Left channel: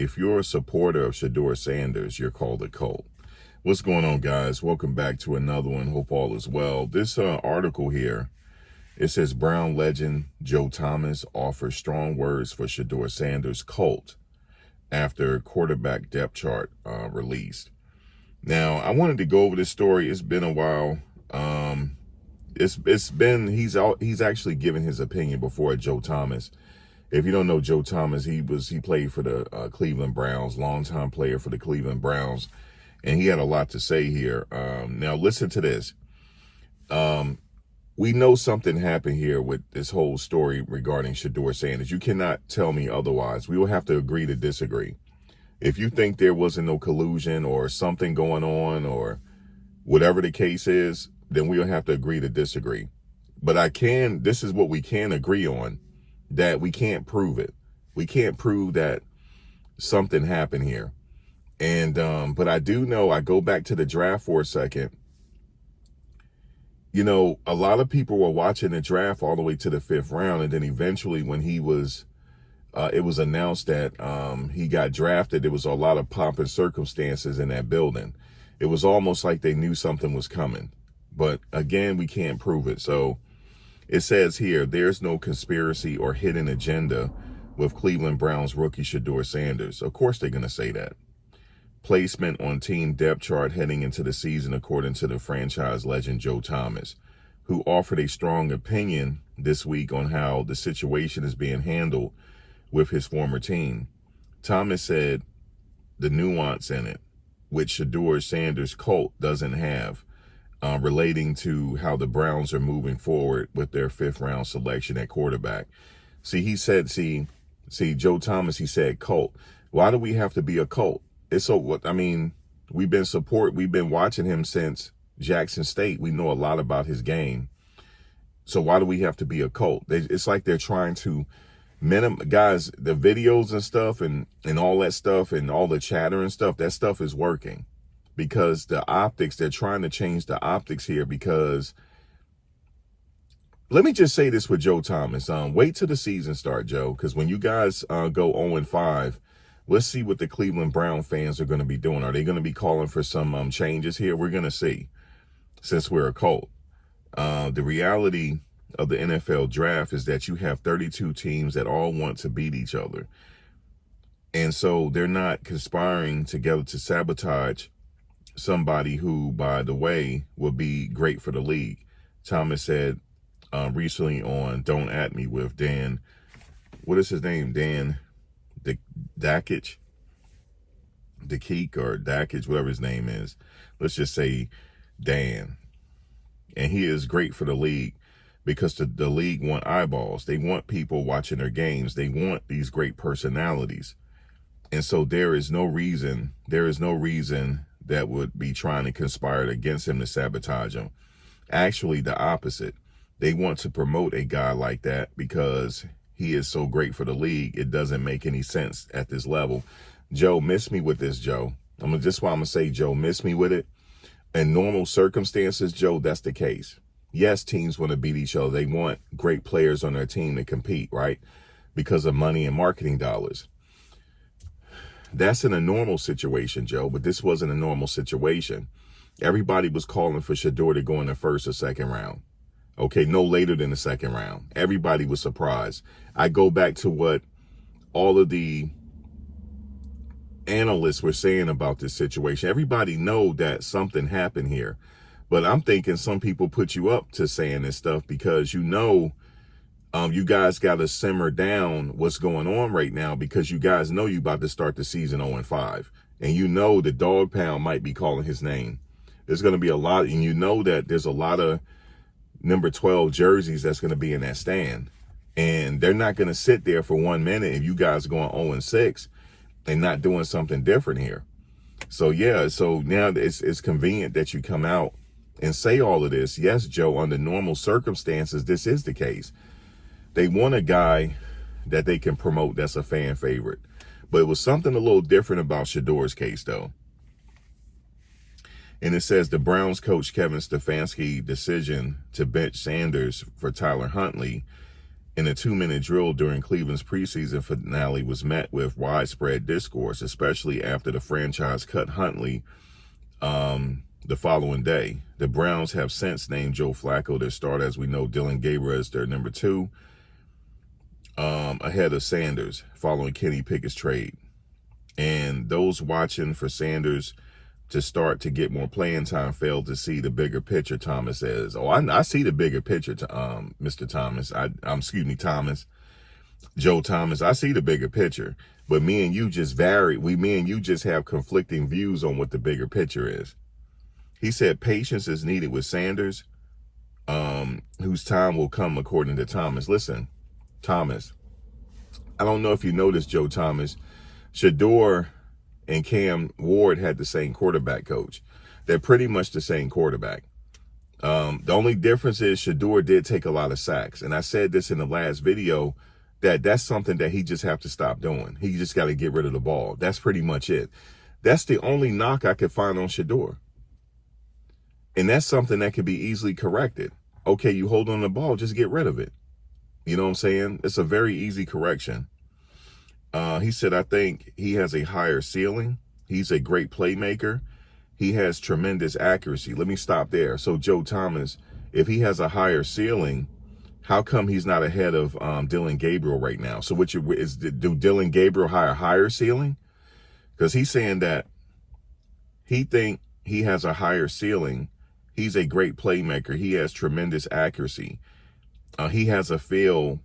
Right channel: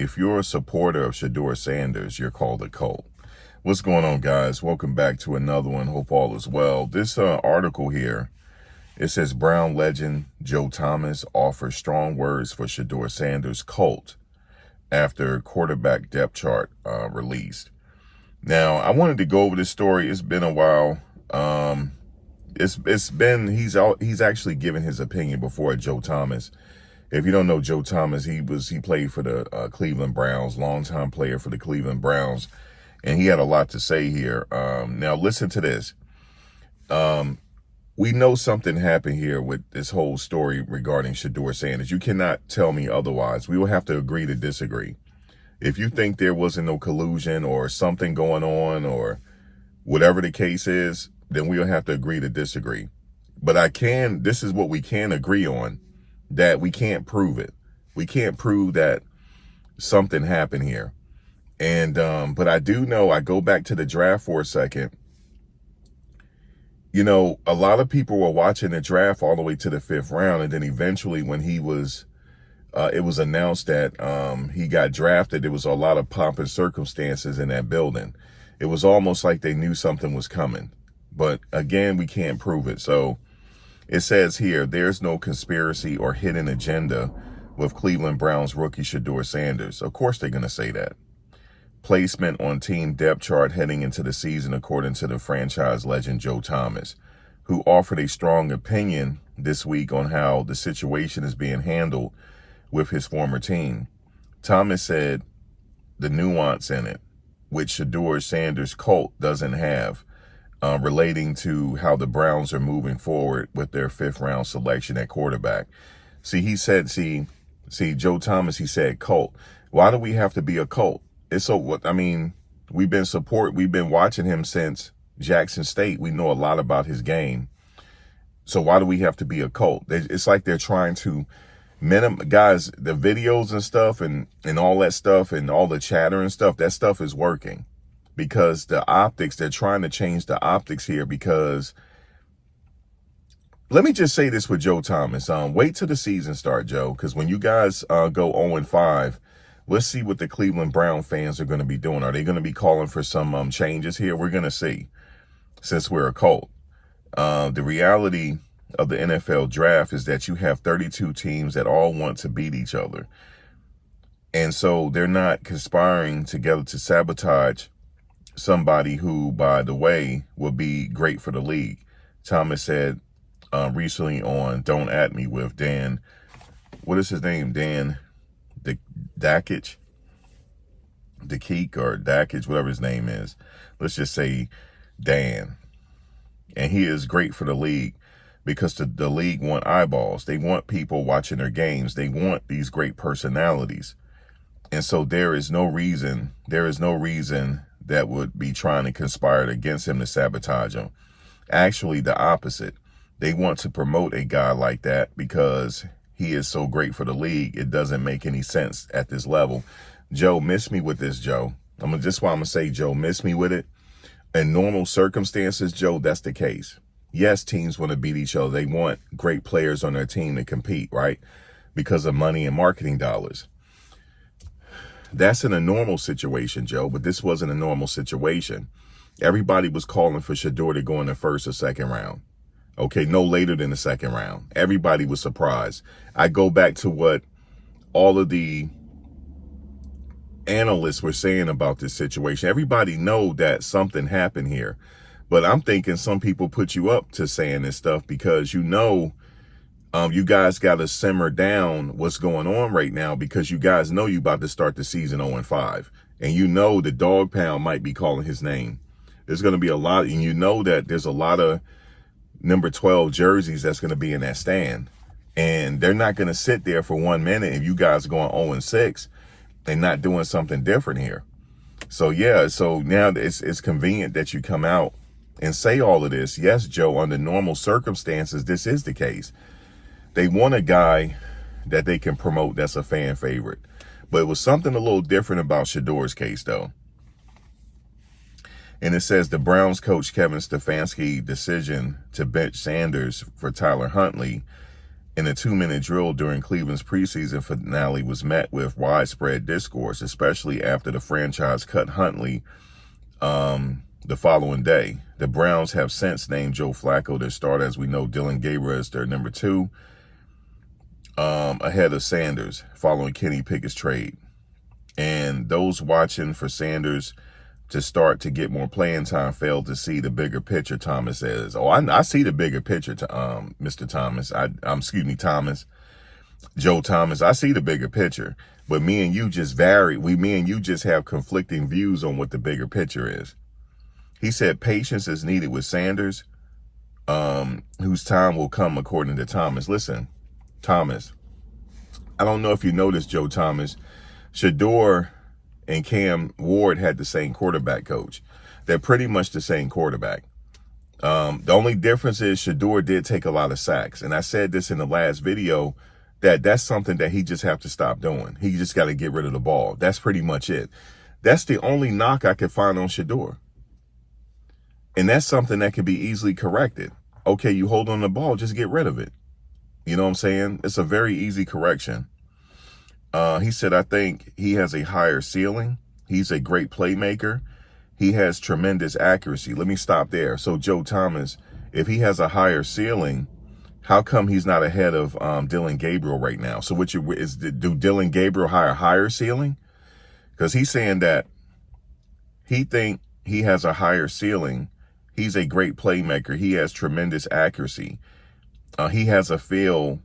If you're a supporter of Shedeur Sanders, you're called a cult. What's going on, guys? Welcome back to another one. Hope all is well. This article here, it says Brown legend Joe Thomas offers strong words for Shedeur Sanders' cult after quarterback depth chart released. Now, I wanted to go over this story. It's been a while. He's actually given his opinion before. Joe Thomas. If you don't know Joe Thomas, he played for the Cleveland Browns, longtime player for the Cleveland Browns, and he had a lot to say here. Now listen to this. We know something happened here with this whole story regarding Shedeur Sanders. You cannot tell me otherwise. We will have to agree to disagree. If you think there wasn't no collusion or something going on or whatever the case is, then we'll have to agree to disagree. But this is what we can agree on, that we can't prove it. We can't prove that something happened here. And, but I do know, I go back to the draft for a second. You know, a lot of people were watching the draft all the way to the 5th round. And then eventually when it was announced that he got drafted, there was a lot of pomp and circumstances in that building. It was almost like they knew something was coming. But again, we can't prove it. So it says here, there's no conspiracy or hidden agenda with Cleveland Browns rookie Shedeur Sanders. Of course they're going to say that. Placement on team depth chart heading into the season, according to the franchise legend Joe Thomas, who offered a strong opinion this week on how the situation is being handled with his former team. Thomas said the nuance in it, which Shedeur Sanders' cult doesn't have, relating to how the Browns are moving forward with their 5th round selection at quarterback. See, Joe Thomas, he said cult. Why do we have to be a cult? It's so what I mean, we've been watching him since Jackson State. We know a lot about his game. So why do we have to be a cult? It's like they're trying to guys, the videos and stuff and all that stuff and all the chatter and stuff, that stuff is working. Because the optics, they're trying to change the optics here because, let me just say this with Joe Thomas. Wait till the season start, Joe, because when you guys go 0-5, let's see what the Cleveland Brown fans are going to be doing. Are they going to be calling for some changes here? We're going to see, since we're a cult. The reality of the NFL draft is that you have 32 teams that all want to beat each other. And so they're not conspiring together to sabotage somebody who, by the way, will be great for the league. Thomas said recently on Don't At Me with Dan, what is his name? Dan Dakich, or Dakich, whatever his name is. Let's just say Dan. And he is great for the league because the league want eyeballs. They want people watching their games. They want these great personalities. And so there is no reason that would be trying to conspire against him to sabotage him. Actually, the opposite. They want to promote a guy like that because he is so great for the league. It doesn't make any sense at this level. Joe, miss me with this, Joe. Just why I'm going to say, Joe, miss me with it. In normal circumstances, Joe, that's the case. Yes, teams want to beat each other. They want great players on their team to compete, right? Because of money and marketing dollars. That's in a normal situation, Joe, but this wasn't a normal situation. Everybody was calling for Shedeur to go in the 1st or 2nd round. Okay, no later than the 2nd round. Everybody was surprised. I go back to what all of the analysts were saying about this situation. Everybody know that something happened here. But I'm thinking some people put you up to saying this stuff because you know you guys got to simmer down what's going on right now because you guys know you about to start the season 0-5. And you know the dog pound might be calling his name. There's going to be a lot, and you know that there's a lot of number 12 jerseys that's going to be in that stand. And they're not going to sit there for 1 minute if you guys are going 0-6 and not doing something different here. So, yeah, so now it's convenient that you come out and say all of this. Yes, Joe, under normal circumstances, this is the case. They want a guy that they can promote that's a fan favorite. But it was something a little different about Shedeur's case, though. And it says the Browns coach Kevin Stefanski's decision to bench Sanders for Tyler Huntley in a 2-minute drill during Cleveland's preseason finale was met with widespread discourse, especially after the franchise cut Huntley the following day. The Browns have since named Joe Flacco their starter. As we know, Dylan Gabriel is their number 2, ahead of Sanders, following Kenny Pickett's trade. And those watching for Sanders to start to get more playing time failed to see the bigger picture, Thomas says. Oh, I see the bigger picture, Mr. Thomas. Excuse me, Thomas. Joe Thomas, I see the bigger picture. But me and you just me and you just have conflicting views on what the bigger picture is. He said patience is needed with Sanders, whose time will come, according to Thomas. Listen, Thomas, I don't know if you noticed, Joe Thomas, Shedeur and Cam Ward had the same quarterback coach. They're pretty much the same quarterback. The only difference is Shedeur did take a lot of sacks. And I said this in the last video, that's something that he just have to stop doing. He just got to get rid of the ball. That's pretty much it. That's the only knock I could find on Shedeur. And that's something that can be easily corrected. Okay, you hold on the ball, just get rid of it. You know what I'm saying? It's a very easy correction. He said, I think he has a higher ceiling. He's a great playmaker. He has tremendous accuracy. Let me stop there. So, Joe Thomas, if he has a higher ceiling, how come he's not ahead of Dylan Gabriel right now? So, do Dylan Gabriel have a higher ceiling? Because he's saying that he think he has a higher ceiling. He's a great playmaker. He has tremendous accuracy. He has a feel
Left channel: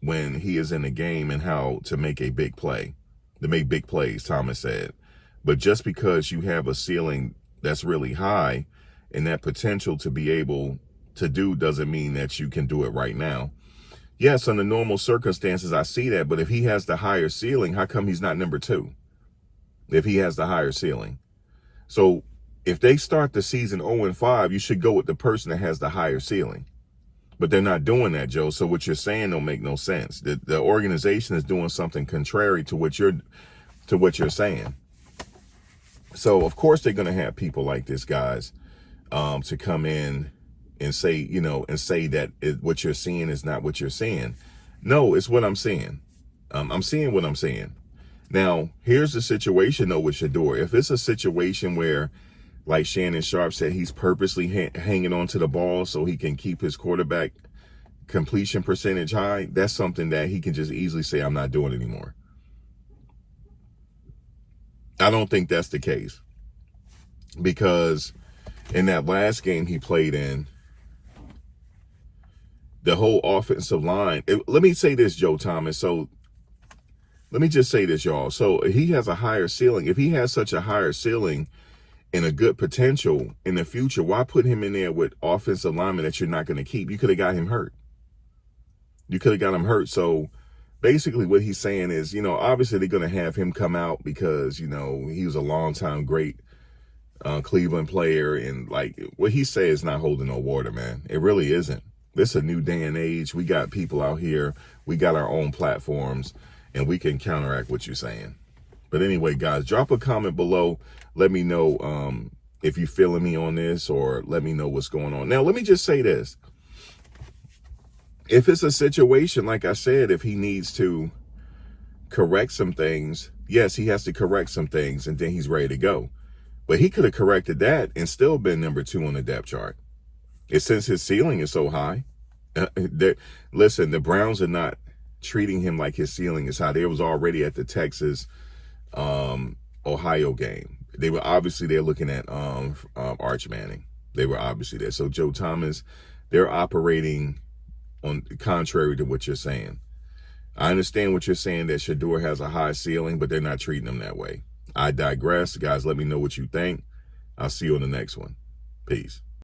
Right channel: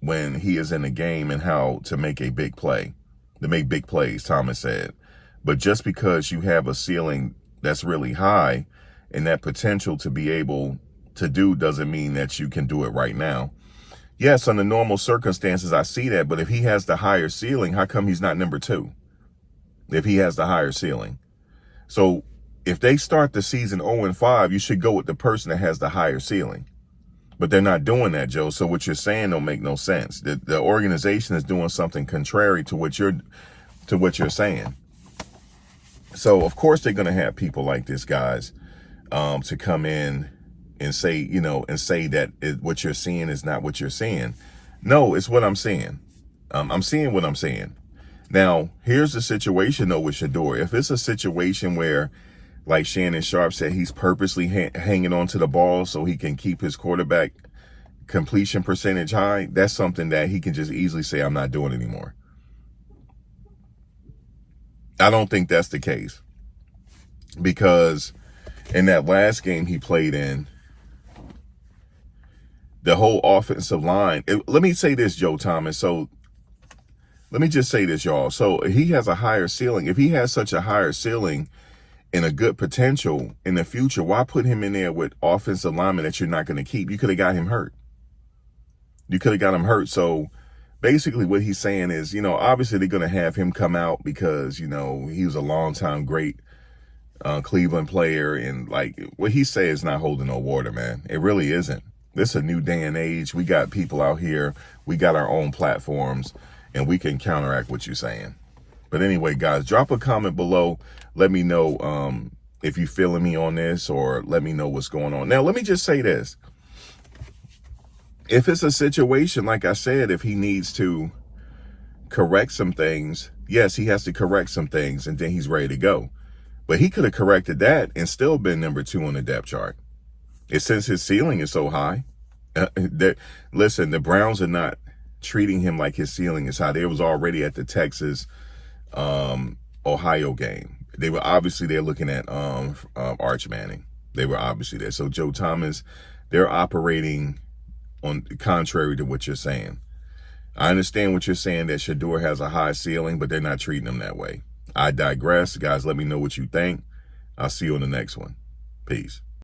when he is in the game and how to make a big play, to make big plays, Thomas said. But just because you have a ceiling that's really high and that potential to be able to do doesn't mean that you can do it right now. Yes, under normal circumstances, I see that. But if he has the higher ceiling, how come he's not number 2? If he has the higher ceiling. So if they start the season 0-5, you should go with the person that has the higher ceiling. But they're not doing that, Joe. So what you're saying don't make no sense. The organization is doing something contrary to what you're saying. So of course they're going to have people like this, guys, to come in and say, that what you're seeing is not what you're seeing. No, it's what I'm seeing. I'm seeing what I'm seeing. Now, here's the situation, though, with Shedeur. If it's a situation where, like Shannon Sharp said, he's purposely hanging on to the ball so he can keep his quarterback completion percentage high, that's something that he can just easily say, I'm not doing anymore. I don't think that's the case. Because in that last game he played in, the whole offensive line, let me say this, Joe Thomas. So let me just say this, y'all. So he has a higher ceiling. If he has such a higher ceiling and a good potential in the future, why put him in there with offensive linemen that you're not going to keep? You could have got him hurt. So basically what he's saying is, obviously they're going to have him come out because, he was a longtime great Cleveland player. And like what he says is not holding no water, man. It really isn't. This is a new day and age. We got people out here. We got our own platforms and we can counteract what you're saying. But anyway, guys, drop a comment below. Let me know if you're feeling me on this, or let me know what's going on. Now, let me just say this. If it's a situation, like I said, if he needs to correct some things, yes, he has to correct some things, and then he's ready to go. But he could have corrected that and still been number 2 on the depth chart. It's since his ceiling is so high. Listen, the Browns are not treating him like his ceiling is high. They was already at the Texas Ohio game. They're looking at Arch Manning. They were obviously there. So Joe Thomas, they're operating on contrary to what you're saying. I understand what you're saying, that Shedeur has a high ceiling, but they're not treating him that way. I digress. Guys, let me know what you think. I'll see you on the next one. Peace.